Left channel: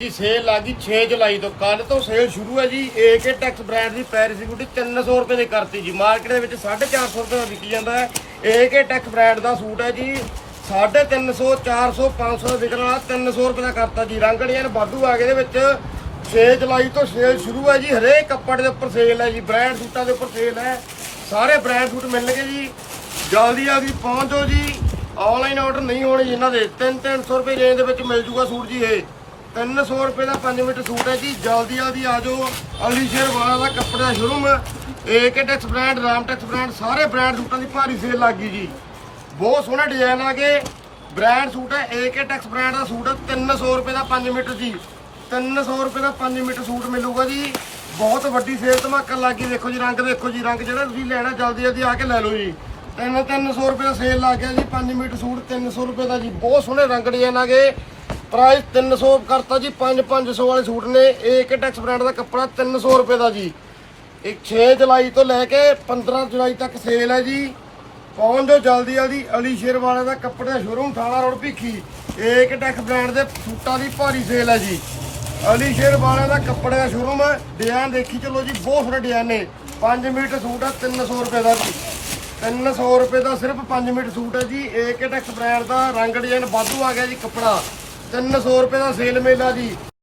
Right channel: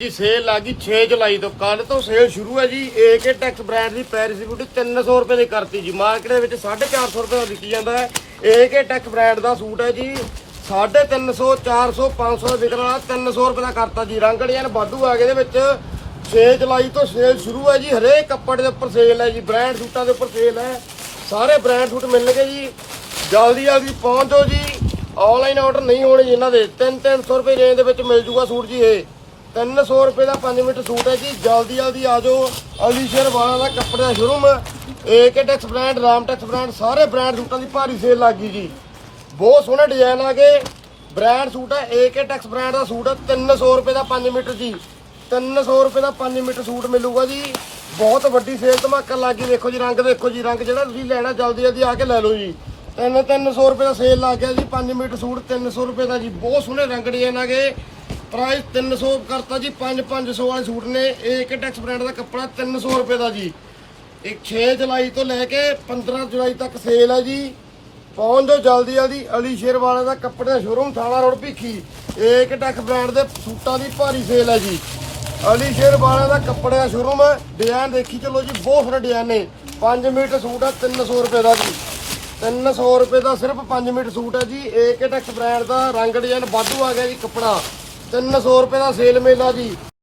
ਜੀ ਸੇਲ ਆ ਗਈ 6 ਜੁਲਾਈ ਤੋਂ। ਕੱਲ ਤੋਂ ਸੇਲ ਸ਼ੁਰੂ ਹੈ ਜੀ। ਏਕੇ ਟੈਕਸ ਬ੍ਰਾਂਡ ਦੀ ਪੈਰਿਸ ਬੂਟੀ 300 ਰੁਪਏ ਦੀ ਕਰਤੀ ਜੀ। ਮਾਰਕੀਟ ਦੇ ਵਿੱਚ 450 ਰੁਪਏ ਦਾ ਵਿਕੀ ਜਾਂਦਾ ਹੈ। ਏਕੇ ਟੈਕਸ ਬ੍ਰਾਂਡ ਦਾ ਸੂਟ ਹੈ ਜੀ। 350 400 500 ਦਾ ਵਿਕਣ ਵਾਲਾ 300 ਰੁਪਏ ਦਾ ਕਰਤਾ ਜੀ। ਰੰਗ ਡਿਜ਼ਾਈਨ ਵਾਧੂ ਆ ਗਏ ਇਹਦੇ ਵਿੱਚ। 6 ਜੁਲਾਈ ਤੋਂ ਸੇਲ ਸ਼ੁਰੂ ਹੈ ਜੀ। ਹਰੇਕ ਕੱਪੜੇ ਦੇ ਉੱਪਰ ਸੇਲ ਹੈ ਜੀ। ਬ੍ਰਾਂਡ ਸੂਟਾਂ ਦੇ ਉੱਪਰ ਸੇਲ ਹੈ। ਸਾਰੇ ਬ੍ਰਾਂਡ ਸੂਟ ਮਿਲਣਗੇ ਜੀ। ਜਲਦੀ ਜਲਦੀ ਪਹੁੰਚ ਜਾਓ ਜੀ। ਆਨਲਾਈਨ ਆਰਡਰ ਨਹੀਂ ਹੋਣੇ ਜੀ। ਇਹਨਾਂ ਦੇ 3-300 ਰੁਪਏ ਰੇਂਜ ਦੇ ਵਿੱਚ ਮਿਲ ਜੂਗਾ ਸੂਟ ਜੀ ਇਹ। 300 ਰੁਪਏ ਦਾ 5 ਮੀਟਰ ਸੂਟ ਹੈ ਜੀ। ਜਲਦੀ ਜਲਦੀ ਆ ਜਾਓ। ਅਲੀਸ਼ੇਰ ਵਾਲਾ ਦਾ ਕੱਪੜਾ ਦਾ showroom AK tex brand Ram tex brand ਸਾਰੇ ਬ੍ਰਾਂਡ ਸੂਟਾਂ ਦੀ ਭਾਰੀ ਸੇਲ ਲੱਗ ਗਈ ਜੀ। ਬਹੁਤ ਸੋਹਣੇ ਡਿਜ਼ਾਈਨ ਆ ਗਏ। ਬ੍ਰਾਂਡ ਸੂਟ ਹੈ ਏਕੇ ਟੈਕਸ ਬ੍ਰਾਂਡ ਦਾ ਸੂਟ ਹੈ। 300 ਰੁਪਏ ਦਾ 5 ਮੀਟਰ ਜੀ। 300 ਰੁਪਏ ਦਾ 5 ਮੀਟਰ ਸੂਟ ਮਿਲੂਗਾ ਜੀ। ਬਹੁਤ ਵੱਡੀ ਸੇਲ ਧਮਾਕਾ ਲੱਗ ਗਈ। ਦੇਖੋ ਜੀ, ਰੰਗ ਦੇਖੋ ਜੀ, ਰੰਗ ਜਿਹੜਾ ਤੁਸੀਂ ਲੈਣਾ, ਜਲਦੀ ਜਲਦੀ ਆ ਕੇ ਲੈ ਲਓ ਜੀ। ਤਿੰਨ 300 ਰੁਪਏ ਦਾ ਸੇਲ ਲੱਗ ਗਿਆ ਜੀ। 5 ਮੀਟਰ ਸੂਟ 300 ਰੁਪਏ ਦਾ ਜੀ। ਬਹੁਤ ਸੋਹਣੇ ਰੰਗ ਡਿਜ਼ਾਈਨ ਆ ਗਏ। ਪ੍ਰਾਈਸ 300 ਕਰਤਾ ਜੀ 5 500 ਵਾਲੇ ਸੂਟ ਨੇ। ਏਕੇ ਟੈਕਸ ਬ੍ਰਾਂਡ ਦਾ ਕੱਪੜਾ 300 ਰੁਪਏ ਦਾ ਜੀ। ਇਹ 6 ਜੁਲਾਈ ਤੋਂ ਲੈ ਕੇ 15 ਜੁਲਾਈ ਤੱਕ ਸੇਲ ਹੈ ਜੀ। ਪਹੁੰਚ ਜਾਓ ਜਲਦੀ ਜਲਦੀ। ਅਲੀ ਸ਼ੇਰ ਵਾਲੇ ਦਾ ਕੱਪੜੇ ਦਾ ਸ਼ੋਰੂਮ ਥਾਣਾ road Bhikhi. AK tex brand ਦੇ ਸੂਟਾਂ ਦੀ ਭਾਰੀ ਸੇਲ ਹੈ ਜੀ। ਅਲੀ ਸ਼ੇਰ ਵਾਲੇ ਦਾ ਕੱਪੜੇ ਦਾ ਸ਼ੋਰੂਮ ਡਿਜ਼ਾਈਨ ਦੇਖੀ ਚਲੋ ਜੀ, ਬਹੁਤ ਸਾਰੇ ਡਿਜ਼ਾਈਨ ਨੇ। 5 ਮੀਟਰ ਸੂਟ ਆ 300 ਰੁਪਏ ਦਾ ਜੀ। 300 ਰੁਪਏ ਦਾ ਸਿਰਫ 5 ਮੀਟਰ ਸੂਟ ਹੈ ਜੀ। ਏਕ ਟੈਕਸ ਬ੍ਰਾਂਡ ਦਾ ਰੰਗ ਡਿਜ਼ਾਈਨ ਵਾਧੂ ਆ ਗਿਆ ਜੀ ਕੱਪੜਾ। 300 ਰੁਪਏ ਦਾ ਸੇਲ ਮੇਲਾ ਜੀ।